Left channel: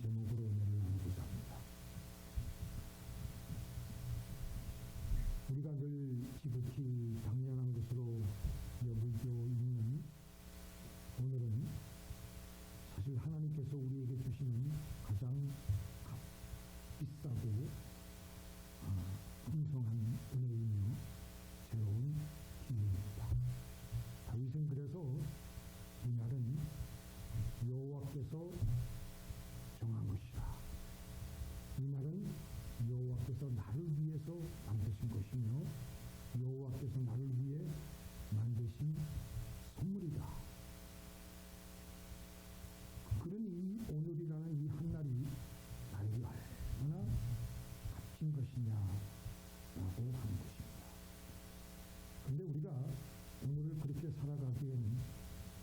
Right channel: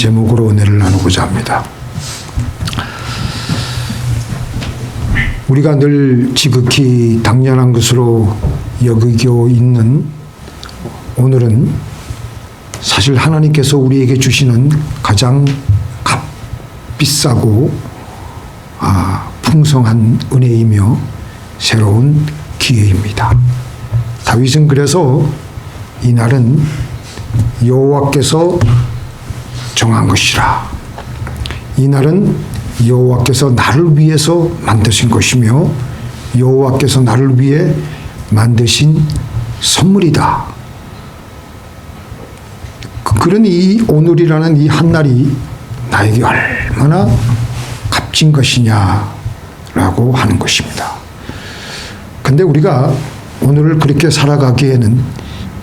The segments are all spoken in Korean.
제목으로 은혜를 나누고자 합니다. 우리가 늘 지극히 당연한 것으로 여기고 있는 오늘은 사실 하나님께서 우리에게 주시는 가장 값비싸고 풍성한 은혜이며 새로운 기회입니다. 다윗은 그래서 이 날은 여호와께서 정한 것이라. 이 날은 여호와께서 나를 위해서 만드신 것이며 여호와께서 나를 위해 만드신 선물이다. 그러니 이 오늘이라는 이 한날이 나에게 얼마나 값진 것이냐라고 하는 것입니다. 근데 우리가 오늘을 그렇게 살아가기에는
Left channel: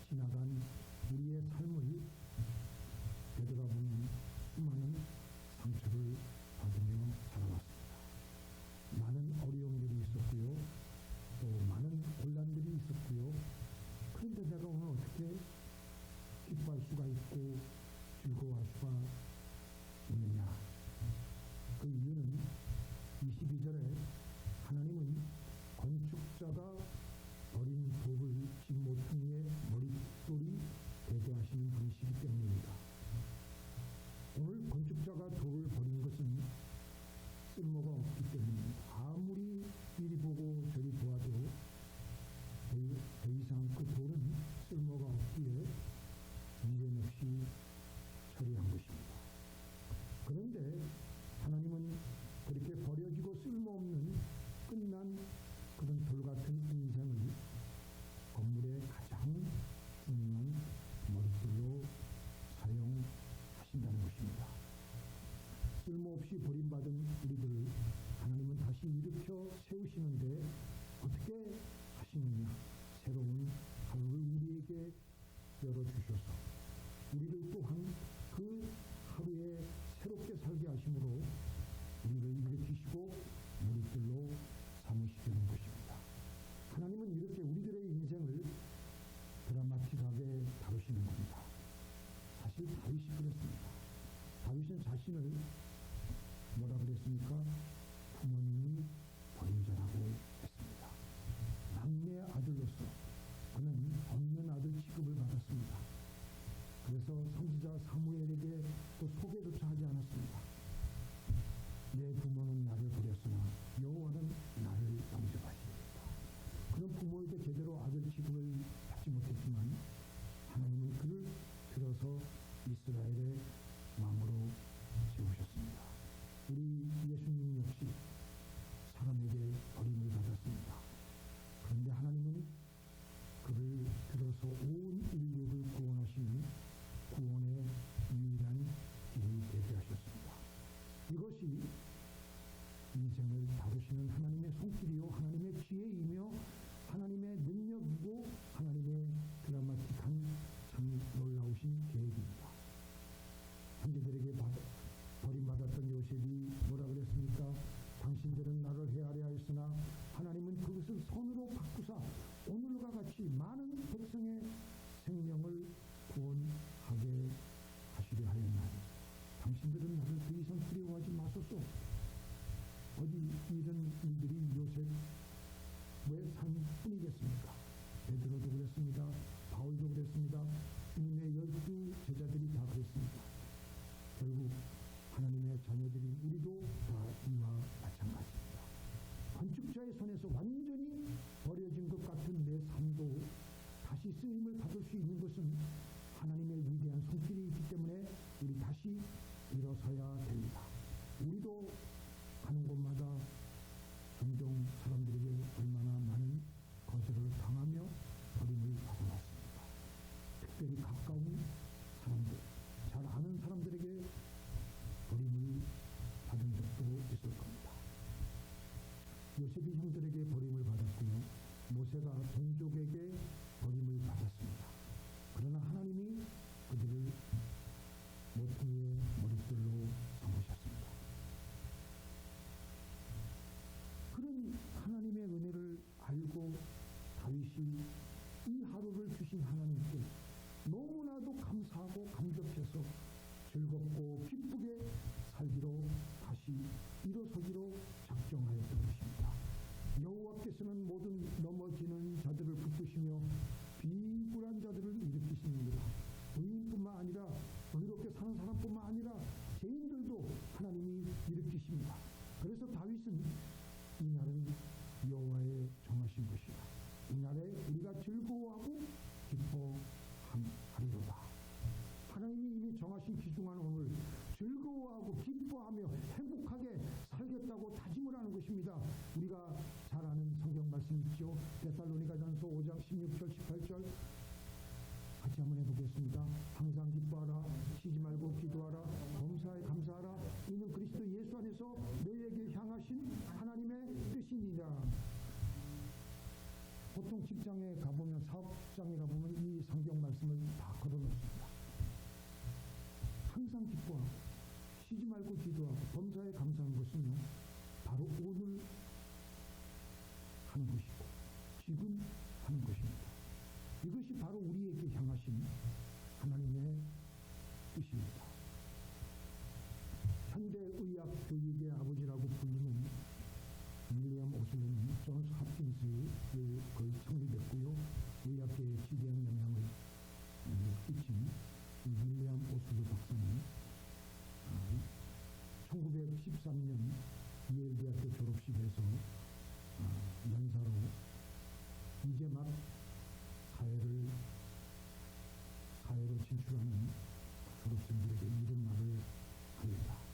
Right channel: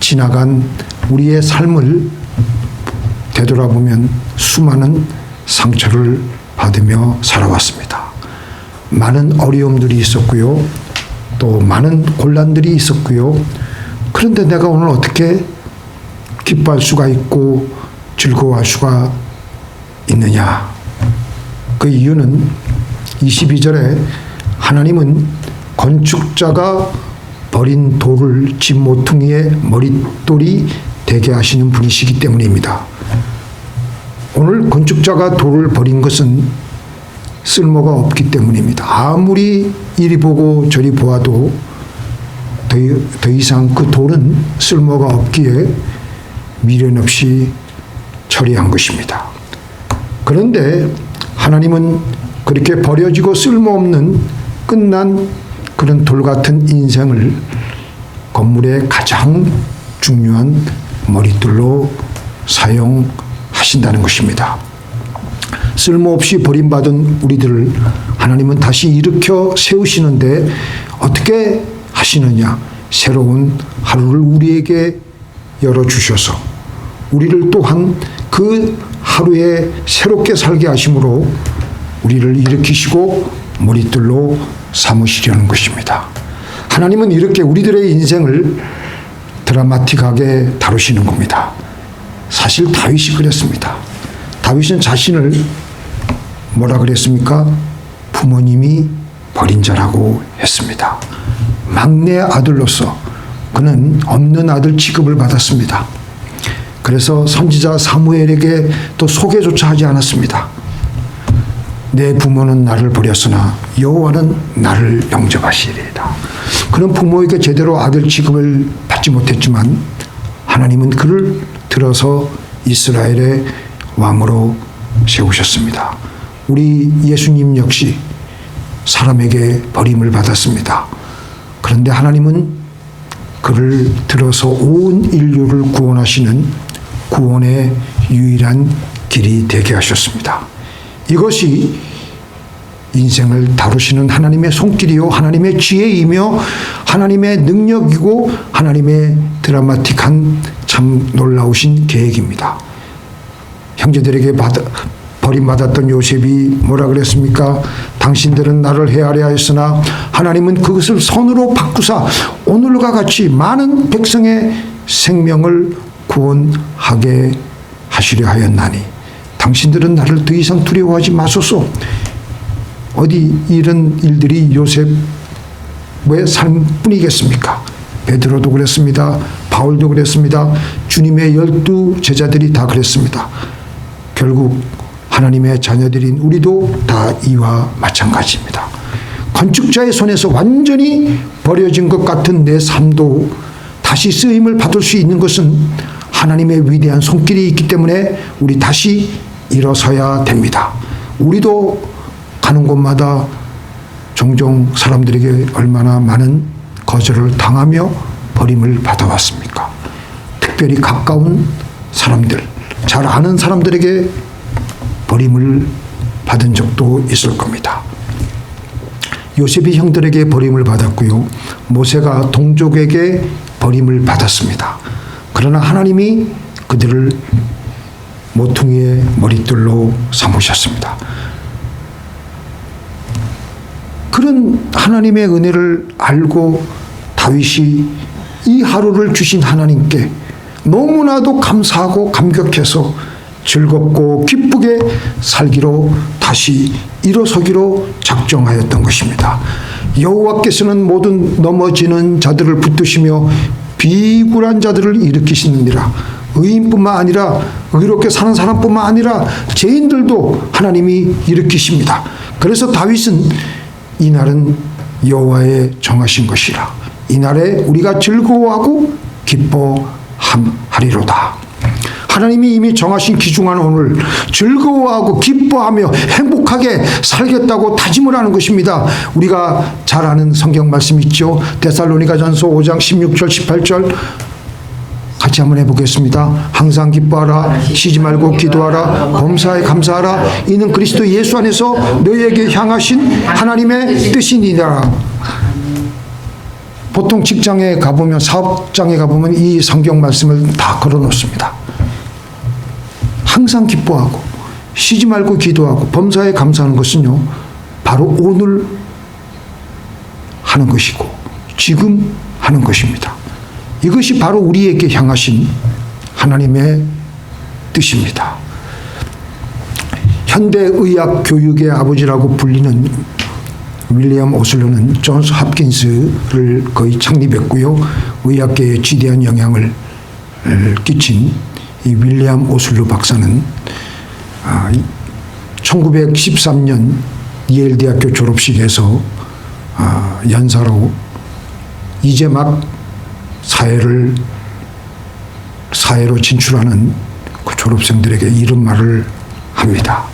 지나간 우리의 삶을 되돌아보면 수많은 상처를 받으며 살아왔습니다. 많은 어려움들이 있었고요. 또 많은 곤란들이 있었고요. 그런데 내가 오늘 어떻게 기뻐할 수가 있고 즐거워할 수가 있느냐? 그 이유는 22절에 하나님은 건축자가 버린 돌을 집 모퉁이의 머릿돌이 되게 하시는 분이시기 때문입니다. 오늘 건축자가 돌을 버린 것은 쓸모가 없기 때문입니다. 아무리 이리 보고 저리 보아도 더 이상 그 돌은 쓸모가 없기에 미련 없이 처리한 것입니다. 그런데 하나님은 그렇게 버려지고 쓸모없는 끝난 그런 돌 같은 인생을 건물의 가장 중요한 머릿돌로 사용하신다는 것입니다. 쓸모없이 버림받은 우리들을 하나님은 다시 일으켜 세우시는데 어떻게 하시느냐? 새로운 하루를 우리에게 열어주셔서 우리를 또한 그 하루에 새롭게 살게 하심으로 우리를 일으키시고 머릿돌로 삼으시려는 것입니다. 하나님은 이렇게 우리들의 인생을 드라마틱하게 다루시는 겁니다. 사실 다윗이 그랬습니다. 다윗은 자신을 뭐라 그랬습니까? 부모님이 버린 자라고 했습니다. 막내 아들로서 그는 없는 아들 취급을 받았습니다. 그래서 선지자 사무엘에게 또 소개조차 하지 않았습니다. 내 부모는 나를 버렸으나 여호와는 나를 영접하시리이다. 그는 부모에게 제대로 아들 취급을 받지 못했지만 하나님은 그를 들어서 이스라엘의 왕으로 세우셨습니다. 우리 예수님 역시 사람에게 버림을 받았습니다. 그런데 하나님은 그를 들어서 온 인류를 구원하시는 구원의 유일한 길이 되게 하셨습니다. 이것이 인생을 다루시는 하나님의 손길이요 하나님의 지혜이며 하나님의 능력이고 하나님의 드라마틱한 참 놀라우신 계획입니다. 형제들에게 버림받았던 요셉이 뭐라 그랬습니까? 당신들은 나를 헤아려 하였으나 하나님은 그것을 선으로 바꾸사 오늘과 같이 많은 백성의 생명을 구원하게 하시려 하였나니 당신들은 나를 더 이상 두려워하지 마소서. 어디 이런 일들이 요셉의 삶뿐이겠습니까? 베드로도 그랬습니다. 바울도 그랬습니다. 주님의 12 제자들이 다 그랬습니다. 결국 하나님의 자녀들인 우리도 다 이와 마찬가지입니다. 건축자의 손에서 완전히 버려진 것 같은 내 삶도 다시 쓰임을 받을 수 있는 것은 하나님의 위대한 손길이 있기 때문에 우리 다시 일어서야 됩니다. 우리도 가는 곳마다 종종 사람들에게 얼마나 많은 거절을 당하며 버림을 받아왔습니까? 특별히 가까운 사람들, 잘 아는 사람들에게 버림을 받은 적도 있을 겁니다. 요셉이 형들에게 버림을 받았고요. 모세가 동족에게 버림을 받았습니다. 그러나 하나님이 그들을 모퉁이의 머릿돌로 삼으셨습니다. 그런 하나님의 은혜를 알고 다윗이 이 하루를 주신 하나님께 너무나도 감사하고 감격해서 즐겁고 기쁘게 살기로 다시 일어서기로 작정하였던 것입니다. 여호와께서는 모든 넘어지는 자들을 붙드시며 비굴한 자들을 일으키시느니라. 의인뿐만 아니라 의롭게 사는 사람뿐만 아니라 죄인들도 하나님이 일으키십니다. 그래서 다윗은 이날은 여호와의 정하신 것이라. 이날에 우리가 즐거워하고 기뻐하리로다. 하나님이 이미 정하신 기중한 오늘 즐거워하고 기뻐하며 행복하게 살겠다고 다짐을 하는 것입니다. 우리가 잘 아는 성경 말씀 있죠. 데살로니가전서 5장 16절 18절 같이 한번 해보겠습니다. 항상 기뻐하라. 쉬지 말고 기도하라. 범사에 감사하라. 이는 그리스도 예수 안에서 너희에게 향하신 하나님의 뜻이니라. 보통 직장에 가보면, 사업장에 가보면 이 성경 말씀을 다 걸어놓습니다. 항상 기뻐하고 쉬지 말고 기도하고 범사에 감사하는 것은요, 바로 오늘 하는 것이고 지금 하는 것입니다. 이것이 바로 우리에게 향하신 하나님의 뜻입니다. 현대의학 교육의 아버지라고 불리는 윌리엄 오슬러는 존스 홉킨스를 거의 창립했고요. 의학계에 지대한 영향을 끼친 이 윌리엄 오슬러 박사는 1913년 예일 대학교 졸업식에서 연사로 이제 막 사회로 진출하는 그 졸업생들에게 이런 말을 합니다.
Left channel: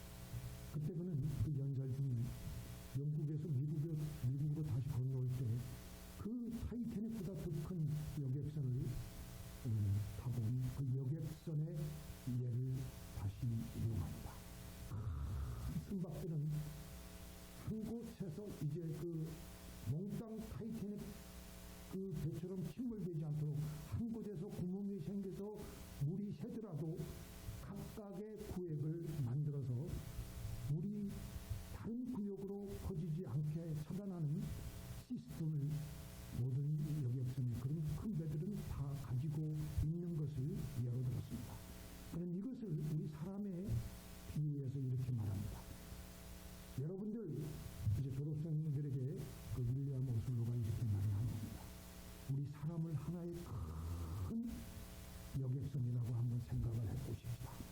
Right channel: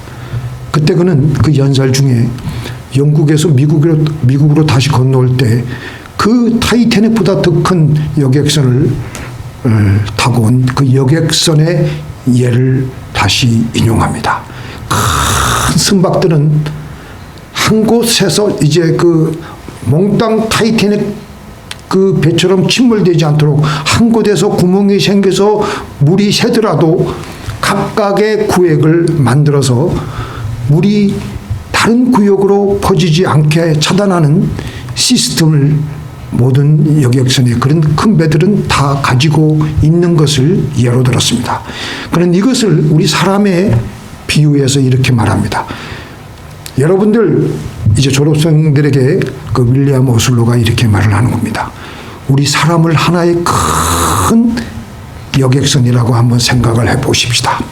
그때 그는 그 연설 중에 영국에서 미국으로 다시 건너올 때 그 타이타닉보다 더 큰 여객선을 타고 온 그 여객선의 예를 다시 인용합니다. 큰 선박들은 한 곳에서 이제 그 몽땅 타이타닉 그 배처럼 침몰되지 않도록 한 곳에서 구멍이 생겨서 물이 새더라도 각각의 구역을 만들어서 물이 다른 구역으로 퍼지지 않게 차단하는 시스템을 모든 여객선의 그런 큰 배들은 다 가지고 있는 것을 예로 들었습니다. 그런데 이것을 우리 사람의 비유해서 이렇게 말합니다. 여러분들 이제 졸업생들에게 그 윌리엄 오슬로가 이렇게 말을 하는 겁니다. 우리 사람을 하나의 큰 여객선이라고 한번 생각을 해보십시다.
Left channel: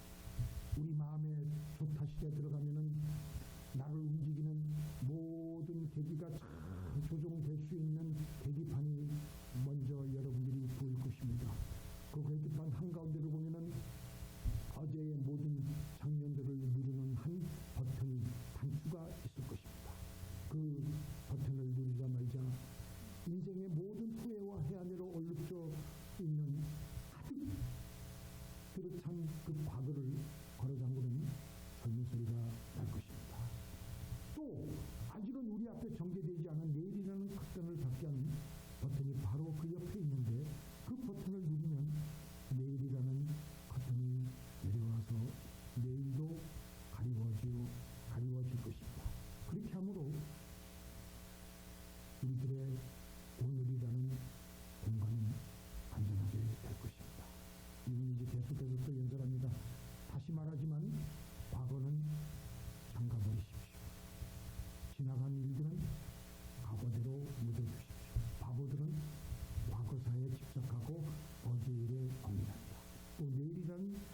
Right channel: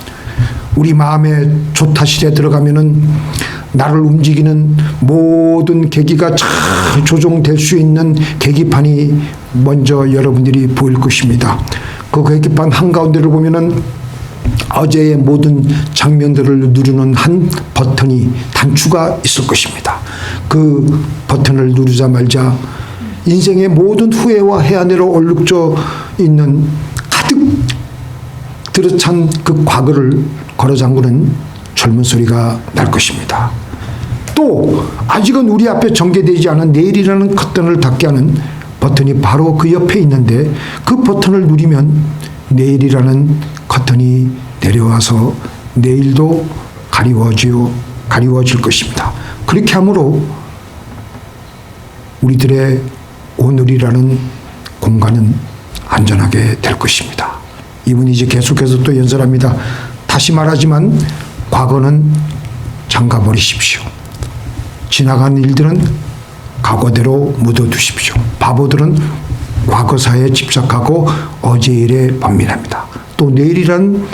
우리 마음의 조타실에 들어가면은 나를 움직이는 모든 계기가 잘 조종될 수 있는 계기판이 먼저 여러분들이 보일 것입니다. 그 계기판 한가운데를 보면은 어제의 모든 장면들을 누르는 한 버튼이 단추가 있을 것입니다. 그 버튼을 누르자마자 인생의 모든 후회와 해안으로 얼룩져 있는 가득 들어찬 그 과거를 걸어잠그는 젊은 소리가 날 것입니다. 또 아직은 우리 앞에 전개되지 않은 내일이라는 커튼을 닫게 하는 버튼이 바로 그 옆에 있는데 그 버튼을 누르면 내일이라는 커튼이 내려와서 내일도 가리워질 것입니다. 그렇게 함으로 우리들의 오늘이라는 공간은 안전하게 될 것입니다. 이분이 이제 계속해서 또 연설합니다. 다시 말하지만 과거는 잠가버리십시오. 지나간 일들은 과거대로 묻어두십시오. 바보들은 과거사에 집착하고 어제 일에 반민합니다. 또 내일이란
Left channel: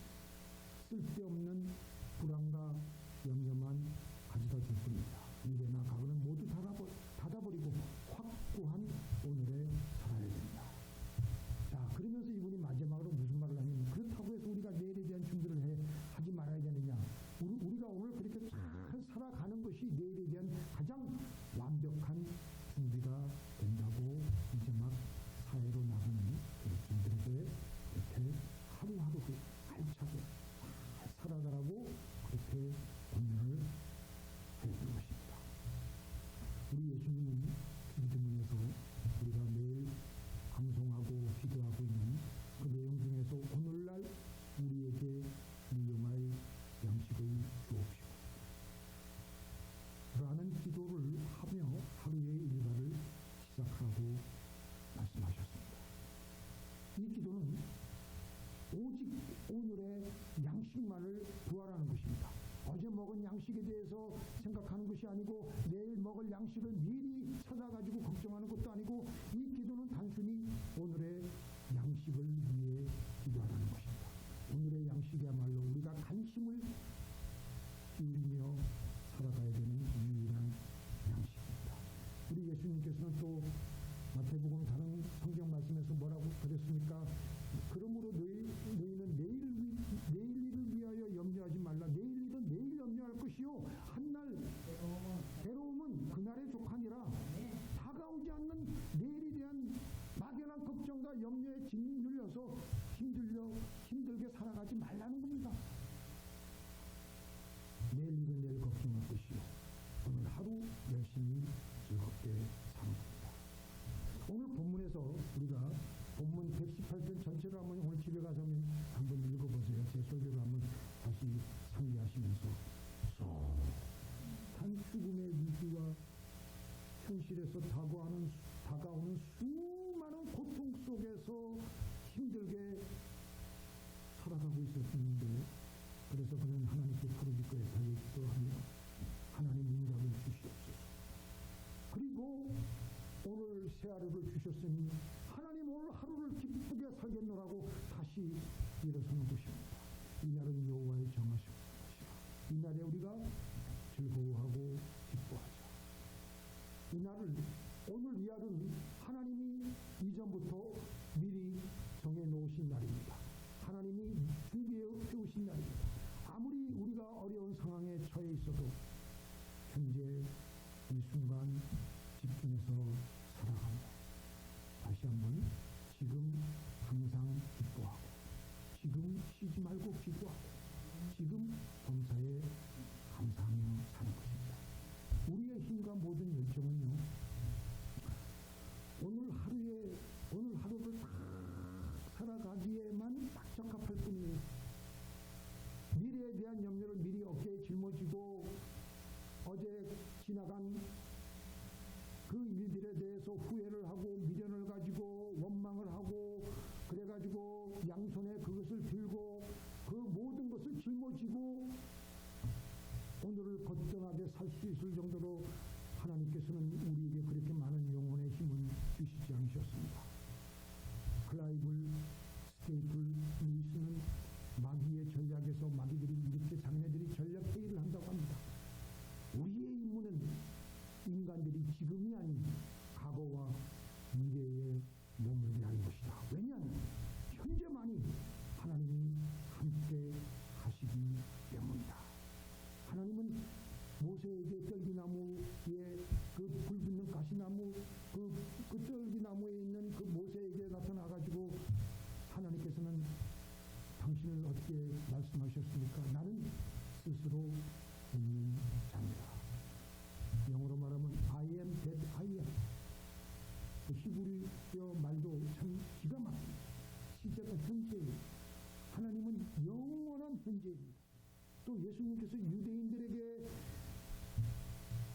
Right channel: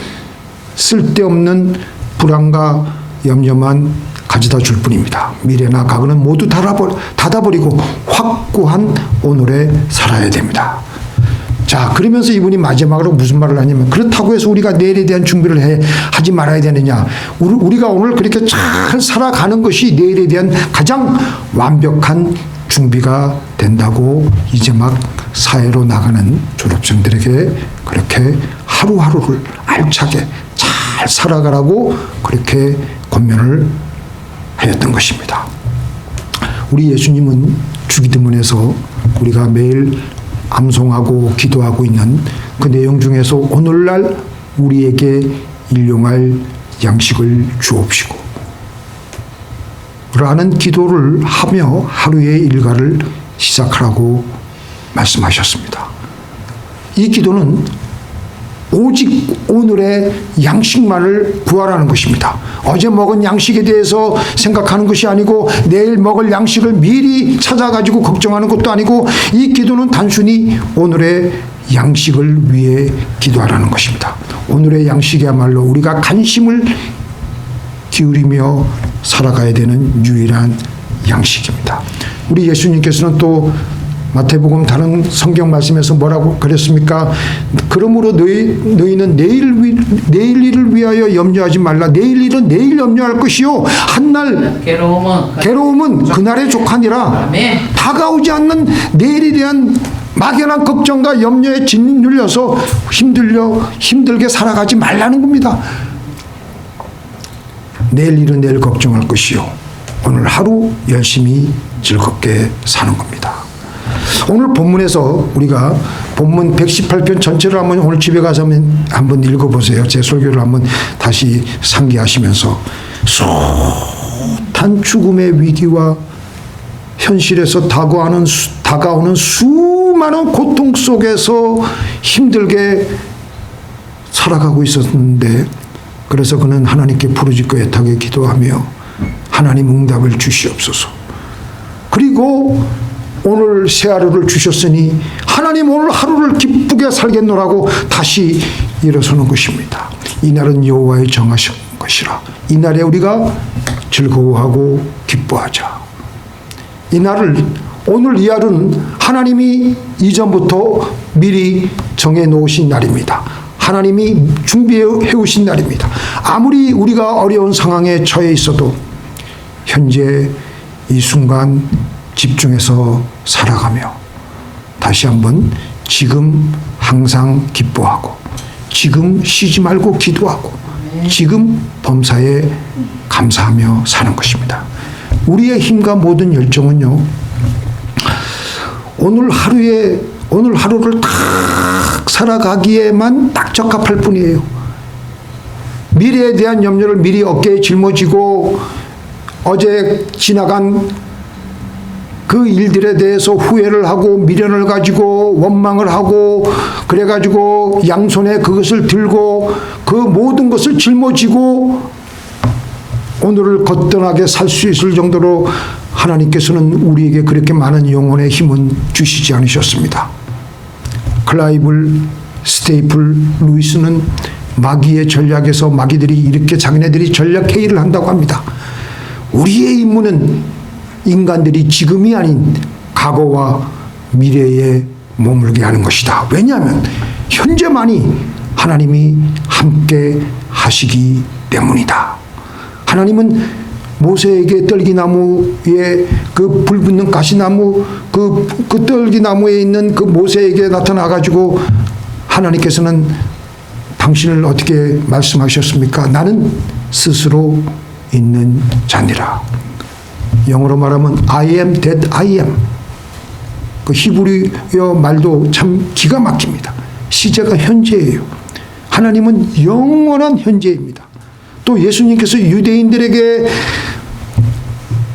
쓸데없는 불안과 염려만 가져다 줄 뿐입니다. 미래나 과거는 모두 닫아버리고 확고한 오늘에 살아야 됩니다. 자, 그러면서 이분이 마지막으로 무슨 말을 하냐면, 그렇다고 해서 우리가 내일에 대한 준비를 하지 말아야 되느냐. 우리가 오늘 그렇게 잘 살아가는 것이 내일에 대한 가장 완벽한 준비가 된다고 이제 막 사회로 나가는 졸업생들에게 그렇게 하루하루를 알차게 잘 살아가라고 그렇게 권면을 하였던 것입니다. 우리 예수님은 주기도문에서 우리가 매일 암송하고 기도하고 있는 그 내용 중에서 오늘날 우리에게 일용할 양식을 주옵시고 라는 기도를 하며 하루의 일과를 시작하라고 말씀하셨습니다. 이 기도는 오직 오늘의 양식만을 구하라는 것입니다. 어제 먹은 양식에 대해서 생각하는 것이 아니고 내일 먹을 양식을 미리 찾아가지고 걱정하는 것도 아니고 이 기도는 단순히 오늘의 양식을 위해 기도하라는 것입니다. 오늘의 양식이야말로 우리가 관심을 기울이며 살아가야 되는 유일한 양식입니다. 우리 예수님께서는 또 마태복음 다른 성경 말씀에서 뭐라고 그랬습니까? 그러므로 너희는 내일 일을 위하여 염려하지 말라. 내일 일은 내일 염려할 것이요 한날 괴로움은 그날의 족하니라. 다가오지 않는 내일에 대한 막연한 걱정과 염려에 짓눌려서 힘들게 살아가지 말라는 겁니다. 내일 일은 내일 걱정할 것이요 오늘 하루 열심히 즐겁게 사는 겁니다. 오늘 본문에서 우리가 본문 118편 전체를 한번 오늘 집에 가서 한번 읽어보세요. 제 설교를 한번 다시 상기하시면서 숱한 죽음의 위기와 현실에서 다가오는 수많은 고통 속에서 힘들게 살아가고 있었는데 그래서 그는 하나님께 부르짖고 애타게 기도하며 하나님 응답을 주시옵소서. 그리고 오늘 새 하루를 주셨으니 하나님 오늘 하루를 기쁘게 살겠노라고 다시 일어서는 것입니다. 이날은 여호와의 정하신 것이라. 이날에 우리가 즐거워하고 기뻐하자. 오늘 이 하루는 하나님이 이전부터 미리 정해 놓으신 날입니다. 하나님이 준비해 오신 날입니다. 아무리 우리가 어려운 상황에 처해 있어도 현재 이 순간 집중해서 살아가며 다시 한번 지금 항상 기뻐하고 지금 쉬지 말고 기도하고 지금 범사에 감사하며 사는 것입니다. 우리의 힘과 모든 열정은요, 오늘 하루를 딱 살아가기에만 딱 적합할 뿐이에요. 미래에 대한 염려를 미리 어깨에 짊어지고 어제 지나간 그 일들에 대해서 후회를 하고 미련을 가지고 원망을 하고 그래가지고 양손에 그것을 들고 그 모든 것을 짊어지고 오늘을 거뜬하게 살 수 있을 정도로 하나님께서는 우리에게 그렇게 많은 영혼의 힘은 주시지 않으셨습니다. 클라이브 스테이플 루이스는 마귀의 전략에서 마귀들이 이렇게 자기네들이 전략 회의를 한다고 합니다. 우리의 임무는 인간들이 지금이 아닌 과거와 미래에 머물게 하는 것이다. 왜냐하면 현재만이 하나님이 함께 하시기 때문이다. 하나님은 모세에게 떨기나무에 그 불붙는 가시나무 그 떨기나무에 있는 그 모세에게 나타나가지고 하나님께서는 당신을 어떻게 말씀하셨습니까? 나는 스스로 있는 자니라. 영어로 말하면 I am that I am. 그 히브리어 말도 참 기가 막힙니다. 시제가 현재예요. 하나님은 영원한 현재입니다. 또 예수님께서 유대인들에게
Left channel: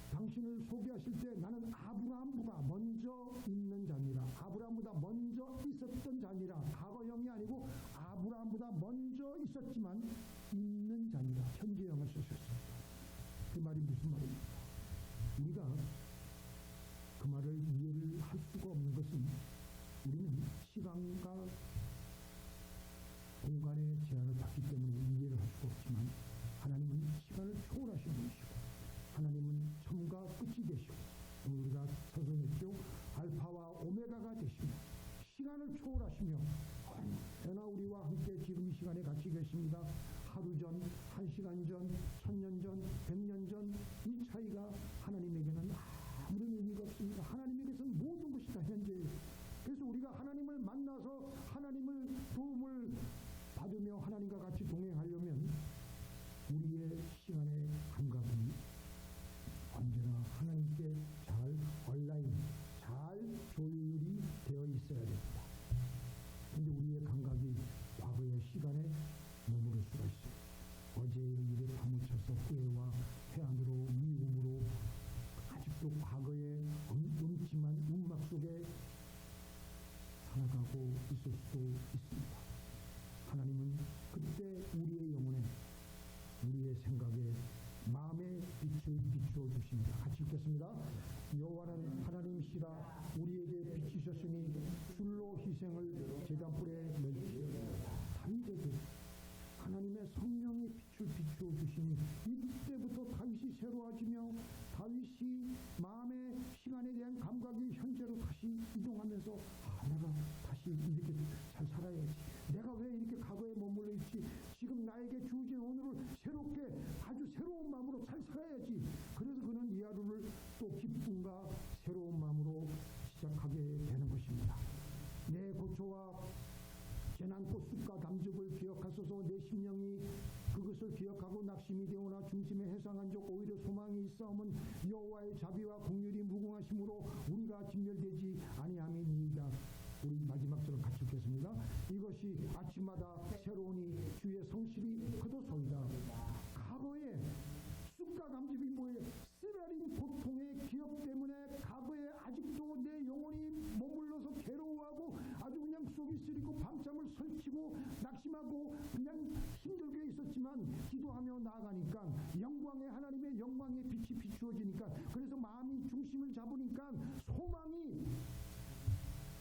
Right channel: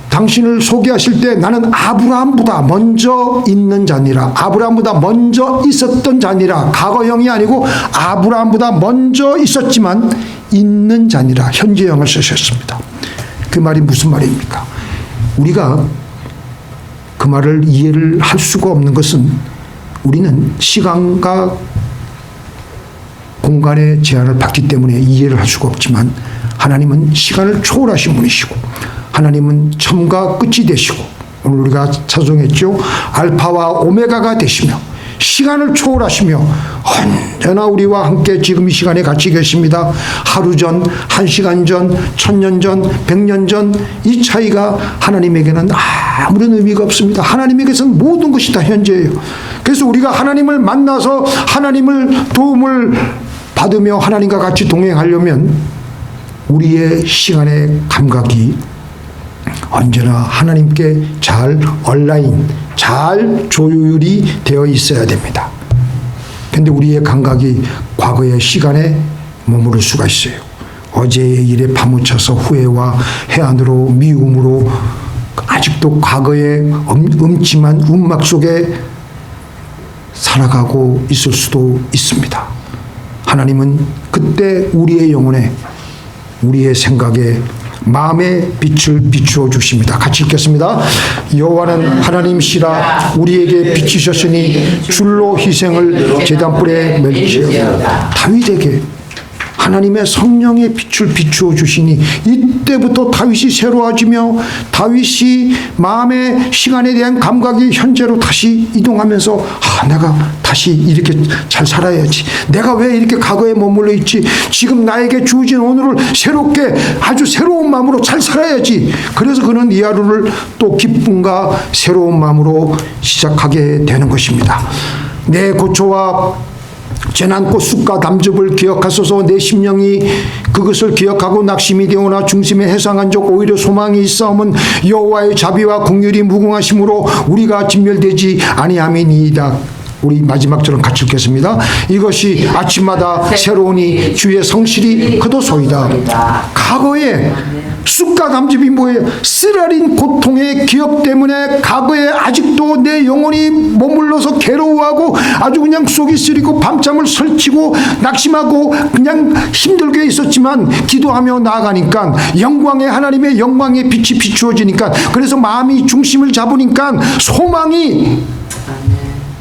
당신을 소개하실 때 나는 아브라함보다 먼저 있는 자니라. 아브라함보다 먼저 있었던 자니라. 과거형이 아니고 아브라함보다 먼저 있었지만 있는 자니라. 현재형을 쓰셨습니다. 그 말이 무슨 말입니까? 우리가 그 말을 이해를 할 수가 없는 것은 우리는 시간과 공간의 제한을 받기 때문에 이해를 할 수가 없지만 하나님은 시간을 초월하신 분이시고 하나님은 처음과 끝이 되시고 오늘 우리가 찬송했죠. 알파와 오메가가 되시며 시간을 초월하시며 언제나 우리와 함께 지금 이 시간에 같이 계십니다. 하루 전, 1시간 전, 1000년 전, 100년 전 이 차이가 하나님에게는 아무런 의미가 없습니다. 하나님에게서는 모든 것이 다 현재예요. 그래서 우리가 하나님을 만나서 하나님을 도움을 받으며 하나님과 같이 동행하려면 우리의 시간의 감각이 언제나 하나님께 잘 온라인, 잘 조율이 되어 있어야 됩니다. 그런데 우리의 감각이 과거의 시간에 머무를 수가 있어요. 어제의 일에 파묻혀서 후회와 해안으로 미움으로 아직도 과거의 음침한 움막 속에 살아가고 있을 수도 있습니다. 하나님은 그때 우리의 영혼에, 우리의 생각에, 마음의 빛을 비추어 주십니다. 같이 읽겠습니다. 여호와는 하나님이시라 우리에게 비치셨으니 줄로 희생을 제단불에 멜지어다. 다윗에게 하나님의 성령의 빛을 비추어 주시니 이때부터 다윗이 새로워지며 다윗이 마음의 시간에 대한 감각이 현재로 다시 이동하면서 내가 다시 이렇게 잘 살아야지. 내가 왜 이렇게 과거에 머물러 있지? 지금 나에게 주어진 오늘을 새롭게 아주 새로운 마음으로 잘 살아야지. 그래서 그는 이 하루를 또 기쁨과 새로운 마음으로 시작하게 되는 것입니다. 내 고초와 재난꽃 쑥과 담즙을 기억하소서. 내 심령이 그것을 기억하고 낙심이 되오나 중심에 해상한 적 오히려 소망이 있사오면 여호와의 자비와 긍휼이 무궁하심으로 우리가 진멸되지 아니함이니이다. 우리 마지막처럼 같이 읽겠습니다. 이것이 아침마다 새로우니 주의 성실이 그도소이다. 과거에 쑥과 담즙이 뭐예요? 쓰라린 고통의 기억 때문에 과거에 아직도 내 영혼이 머물러서 괴로워하고 아주 그냥 속이 쓰리고 밤잠을 설치고 낙심하고 그냥 힘들게 있었지만 기도하며 나아가니까 영광의 하나님의 영광의 빛이 비추어지니까, 그래서 마음이 중심을 잡으니까 소망이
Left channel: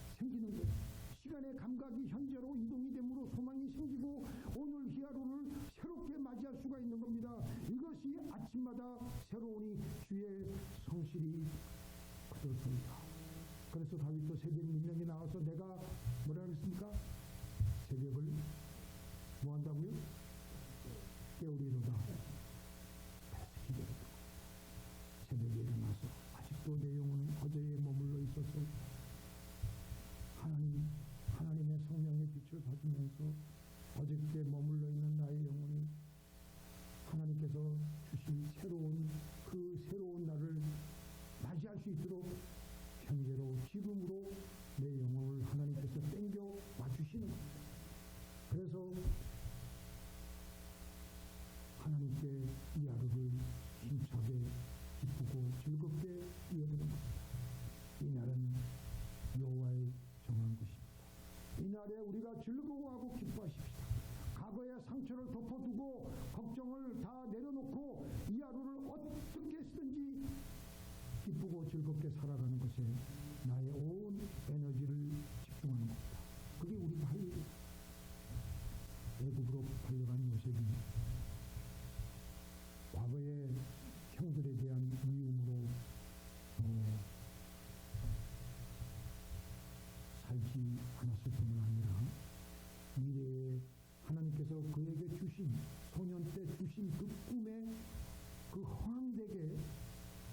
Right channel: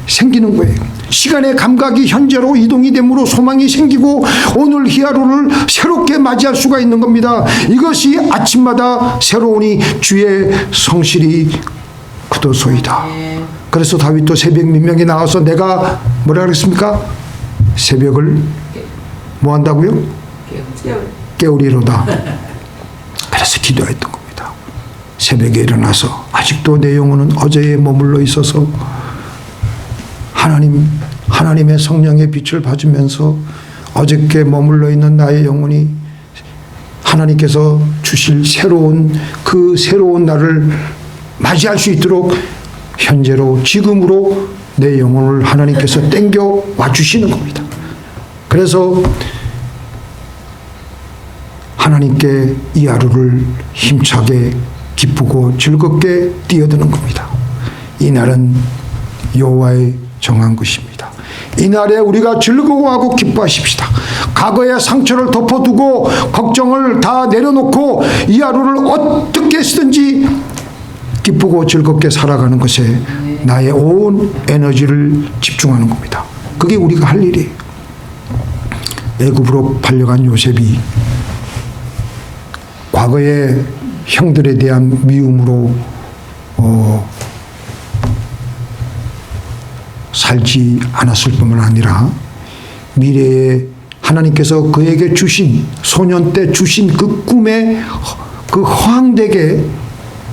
생기는 거예요. 시간의 감각이 현재로 이동이 되므로 소망이 생기고 오늘 이 하루를 새롭게 맞이할 수가 있는 겁니다. 이것이 아침마다 새로우니 주의 성실이 그도소이다. 그래서 다윗도 새벽 민명에 나와서 내가 뭐라 그랬습니까? 새벽을 뭐 한다고요? 깨우리로다. 그래서 기도했던 겁니다. 새벽에 일어나서 아직도 내 영혼은 어제에 머물러 있어서 하나님의 성령의 빛을 받으면서 어저께 머물러 있는 나의 영혼이 하나님께서 주실 그 새로운 날을 맞이할 수 있도록 현재로 지금으로 내 영혼을 하나님께서 땡겨 와주시는 겁니다. 그래서 하나님께 이 하루를 힘차게 기쁘고 즐겁게 뛰어드는 겁니다. 이 날은 여호와의 정한 것입니다. 이날에 우리가 즐거워하고 기뻐하십시다. 과거의 상처를 덮어두고 걱정을 다 내려놓고 이 하루를 어떻게 쓰든지 기쁘고 즐겁게 살아가는 것에 나의 온 에너지를 집중하는 겁니다. 그게 우리가 할 일이에요. 애굽으로 팔려간 요셉이 과거의 형들에 대한 미움으로 살지 않았을 뿐만 아니라 미래에 하나님께서 그에게 주신, 소년 때 주신 그 꿈에 그 허황되게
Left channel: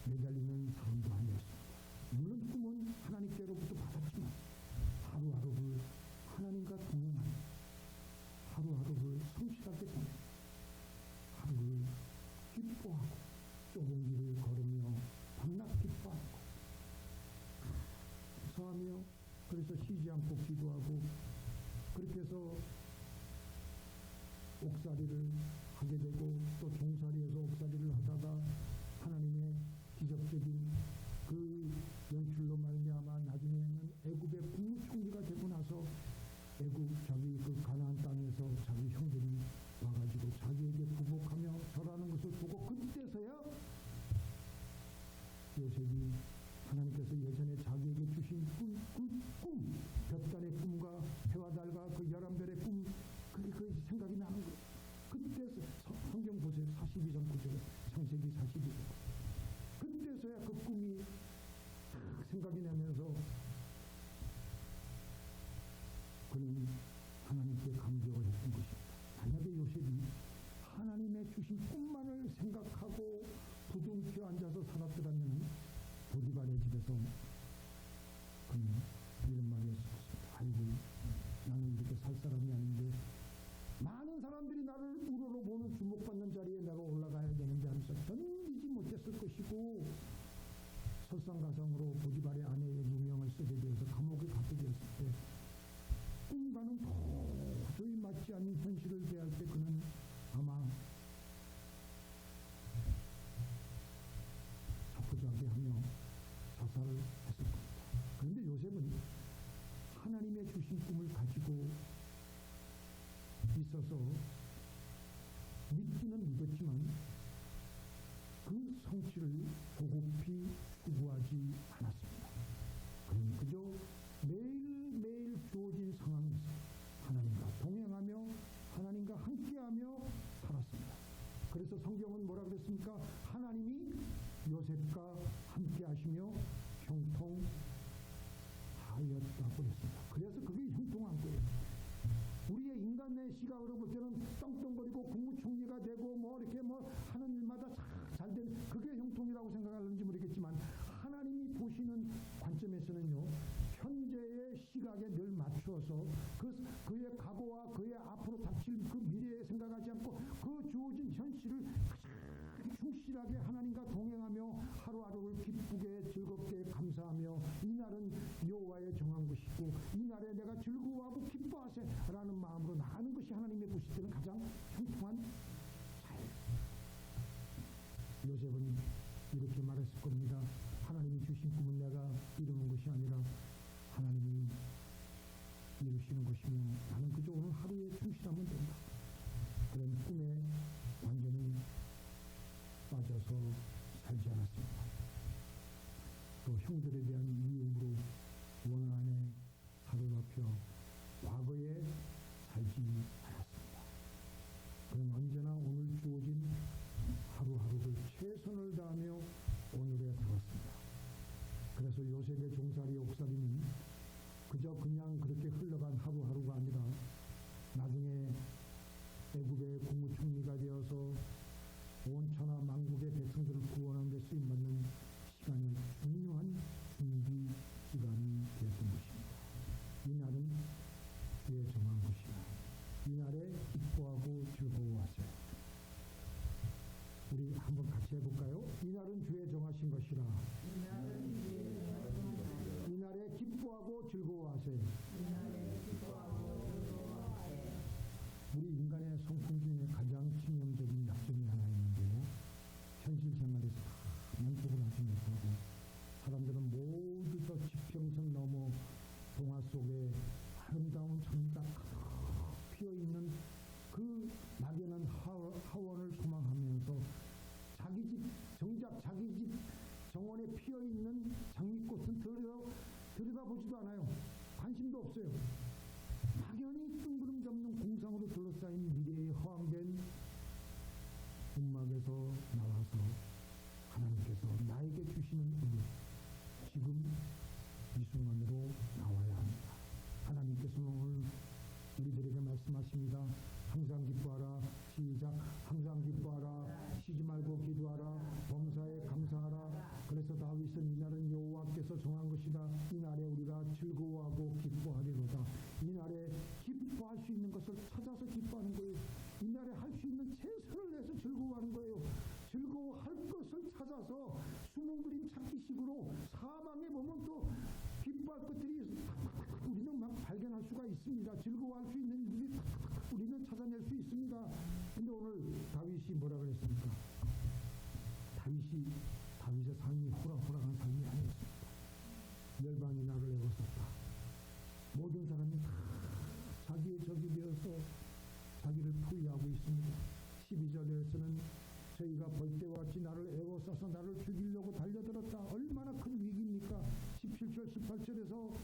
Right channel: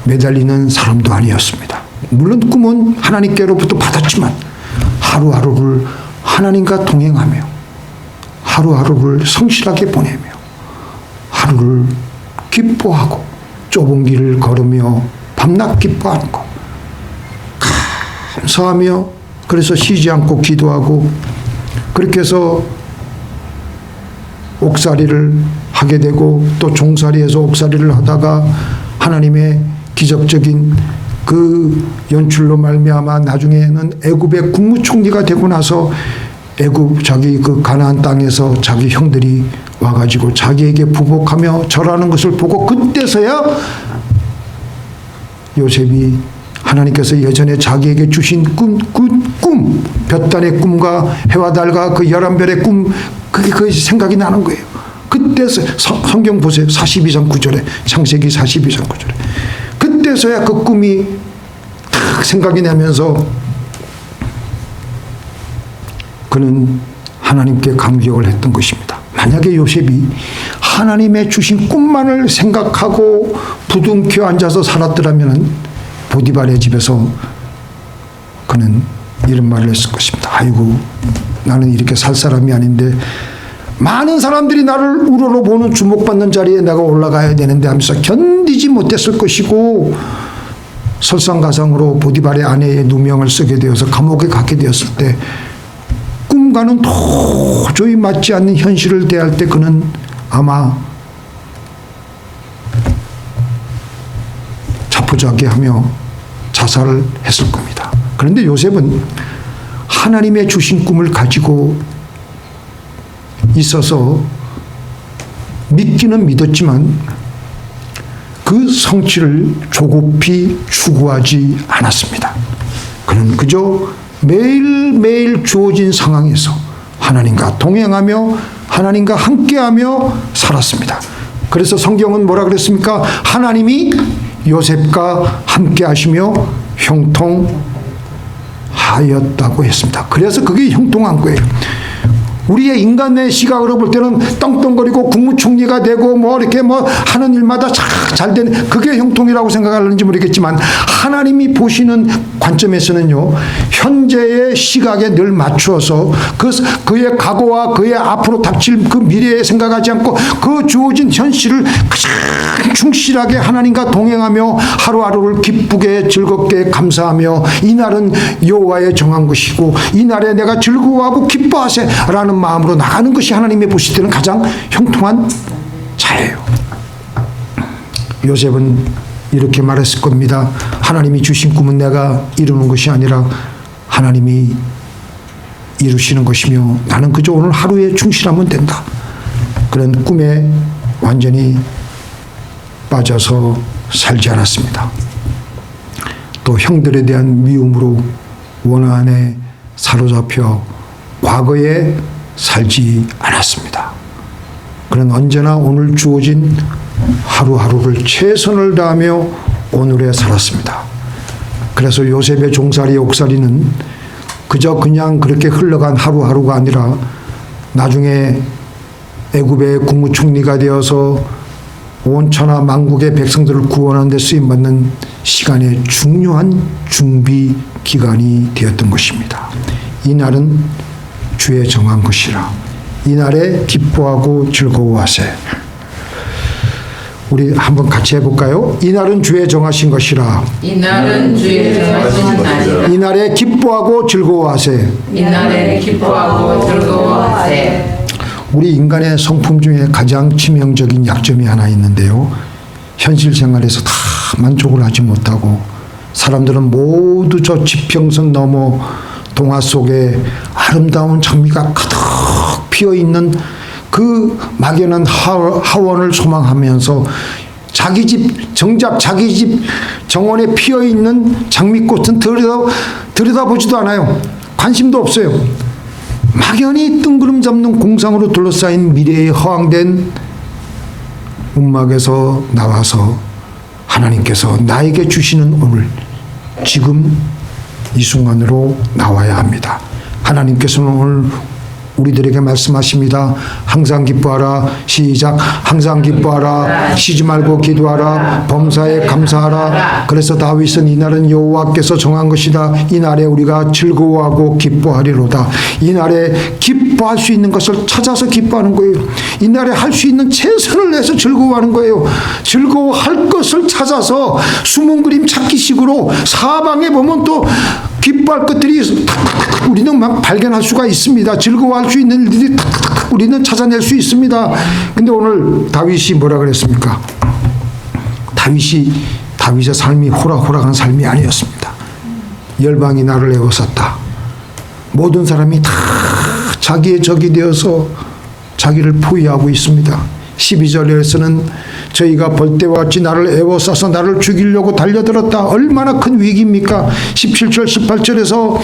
매달리는 사람도 아니었습니다. 물론 꿈은 하나님께로부터 받았지만 하루하루를 하나님과 동행하며 하루하루를 성실하게 보내며 하루를 기뻐하고 좁은 길을 걸으며 밤낮 기뻐하는 것, 감사하며 그래서 쉬지 않고 기도하고 그렇게 해서 옥살이를 하게 되고 또 종살이에서 옥살이를 하다가 하나님의 기적적인 그 연출로 말미암아 나중에는 애굽의 국무총리가 되고 나서 애굽 자기 그 가나안 땅에서 자기 형들이 와가지고 자기에게 부복하며 절하는 것을 보고 그때서야 요셉이 하나님께서 예전에 자기에게 주신 꿈, 볕단의 꿈과 해와 달과 그 11별의 꿈, 그게 생각이 나는 거예요. 그때 성경 보세요. 42장 9절에, 창세기 42장 9절에. 그때서야 그 꿈이 딱 생각이 나면서 그는 하나님께 감격을 했던 것입니다. 만약에 요셉이 하나님의 주신 꿈만을 생각하고 부둥켜 앉아서 살았더라면 보디발의 집에서 그는 이런 말을 했을 것입니다. 아이고, 나는 이렇게 살 사람이 아닌데 많은 사람들이 나를 우러러 보는 주목받는 자리에 내가 올라가야 되는데 하면서 견디지 못했을 것이고, 설상가상으로 보디발의 아내의 누명을 쓰게 되어서 감옥에 가게 되었을 때 꿈과는 도저히 맞지 않는 현실을 대할 때 그는 아마 자포자기하며 자살을 했을 겁니다. 그런데 요셉은 하나님의 주신 꿈을 가지고 있어서 믿기는 믿었지만 그 성취를 조급히 추구하지 않았습니다. 그는 그저 매일매일 주어진 상황에서 하나님과 동행하며 하나님과 함께하며 살았습니다. 그래서 성경은 뭐라 그랬습니까? 하나님이 요셉과 함께하시며 형통하였다고 했습니다. 그래서 그게 형통한 거예요. 우리의 인간의 시각으로 볼 때는 떵떵거리고 국무총리가 되고 이렇게 하는 일마다 잘 되는 그게 형통이라고 생각하는지 모르겠지만 하나님이 보시는 관점에서는요, 현재의 시각에 늘 맞추어서 그의 과거와 그의 앞으로 닥칠 그 미래에 생각하지 않고 그 주어진 현실을 가장 충실하게 하나님과 동행하며 하루하루를 기쁘게 즐겁게 감사하며 이날은 여호와의 정한 것이고 이날에 내가 즐거워하고 기뻐하세라는 마음으로 나가는 것이 하나님이 보실 때는 가장 형통한 자예요. 요셉은 이렇게 말했을 겁니다. 하나님이 주신 꿈은 내가 이루는 것이 아니라 하나님이 이루시는 것이며 나는 그저 오늘 하루에 충실하면 된다. 그런 꿈에 완전히 빠져서 살지 않았습니다. 또 형들에 대한 미움으로 원한에 사로잡혀 과거에 살지 않았습니다. 그는 언제나 오늘 주어진 하루하루를 최선을 다하며 오늘에 살았습니다. 그래서 요셉의 종살이 옥살이는 그저 그냥 그렇게 흘러간 하루하루가 아니라 나중에 애굽의 국무총리가 되어서 온 천하 만국의 백성들을 구원하는 데 쓰임받는 시간의 중요한 준비 기간이 되었던 것입니다. 이날은 주의 정한 것이라 이날에 기뻐하고 즐거워하세. 우리 한번 같이 해볼까요? 이날은 주의 정하신 것이라 이날은 주의 정하신 날이라 이날에 기뻐하고 즐거워하세. 이날에 기뻐하고 즐거워하세. 우리 인간의 성품 중에 가장 치명적인 약점이 하나 있는데요, 현실 생활에서 다 만족을 하지 못하고 사람들은 모두 저 지평선 넘어 동화 속에 아름다운 장미가 가득 피어있는 그 막연한 하원을 소망하면서 자기 집 정작 자기 집 정원에 피어있는 장미꽃은 들여다보지도 않아요. 관심도 없어요. 막연히 뜬구름 잡는 공상으로 둘러싸인 미래에 허황된 움막에서 나와서 하나님께서 나에게 주시는 오늘 지금 이 순간으로 나와야 합니다. 하나님께서는 오늘 우리들에게 말씀하십니다. 항상 기뻐하라. 시작. 항상 기뻐하라. 쉬지 말고 기도하라. 범사에 감사하라. 그래서 다윗은 이날은 여호와께서 정한 것이다. 이날에 우리가 즐거워하고 기뻐하리로다. 이날에 기뻐할 수 있는 것을 찾아서 기뻐하는 거예요. 이날에 할 수 있는 최선을 내서 즐거워하는 거예요. 즐거워할 것을 찾아서 숨은 그림 찾기식으로 사방에 보면 또 기뻐할 것들이 우리는 막 발견할 수가 있습니다. 즐거워할 수 있는 일들이 우리는 찾아낼 수 있습니다. 근데 오늘 다윗이 뭐라 그랬습니까? 다윗의 삶이 호락호락한 삶이 아니었습니다. 열방이 나를 에워쌌다. 모든 사람이 다 자기의 적이 되어서 자기를 포위하고 있습니다. 12절에서는 저희가 벌떼와 같이 나를 에워싸서 나를 죽이려고 달려들었다. 얼마나 큰 위기입니까? 17절 18절에서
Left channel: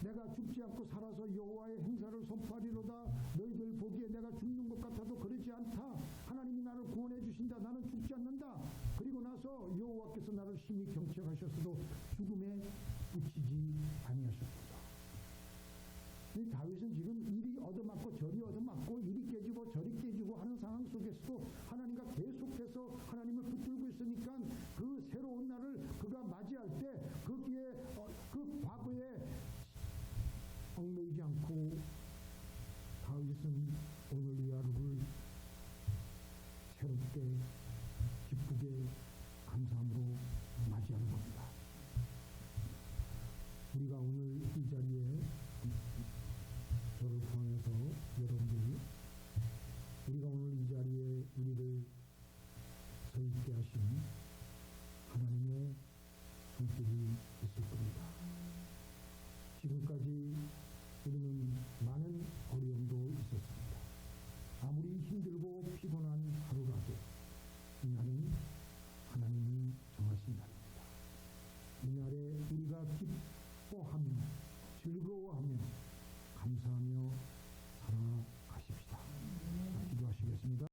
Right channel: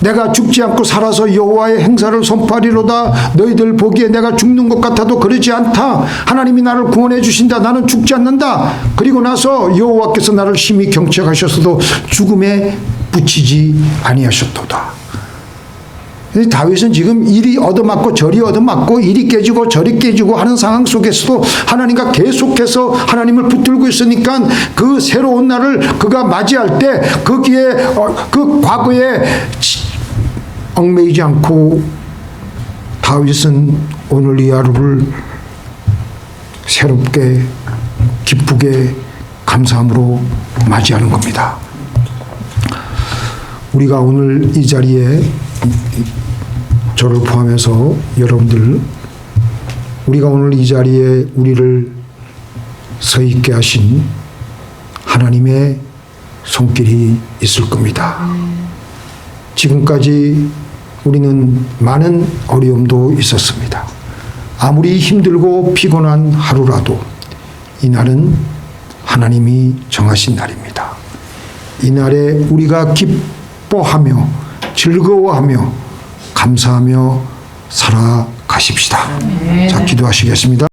내가 죽지 않고 살아서 여호와의 행사를 선포하리로다. 너희들 보기에 내가 죽는 것 같아도 그러지 않다. 하나님이 나를 구원해 주신다. 나는 죽지 않는다. 그리고 나서 여호와께서 나를 심히 경책하셨어도 죽음에 붙이지 아니하셨도다. 다윗은 지금 이리 얻어맞고 저리 얻어맞고 이리 깨지고 저리 깨지고 하는 상황 속에서도 하나님과 계속해서 하나님을 붙들고 있으니까 그 새로운 날을 그가 맞이할 때 거기에 그 과거에 얽매이지 않고 다윗은 오늘 이 하루를 새롭게 기쁘게 감사함으로 맞이하는 겁니다. 우리가 오늘 이 자리에 저를 포함해서 여러분들, 우리가 오늘 이 자리에 우리를 서 있게 하신 하나님의 손길이 있을 겁니다. 지금까지 우리는 많은 어려움도 있었습니다. 아무리 힘들고 피곤한 하루라도 이날은 하나님이 정하신 날입니다. 이날에 우리가 기뻐하며 즐거워하며 감사하며 살아가십시다. 자, 기도하시겠습니다.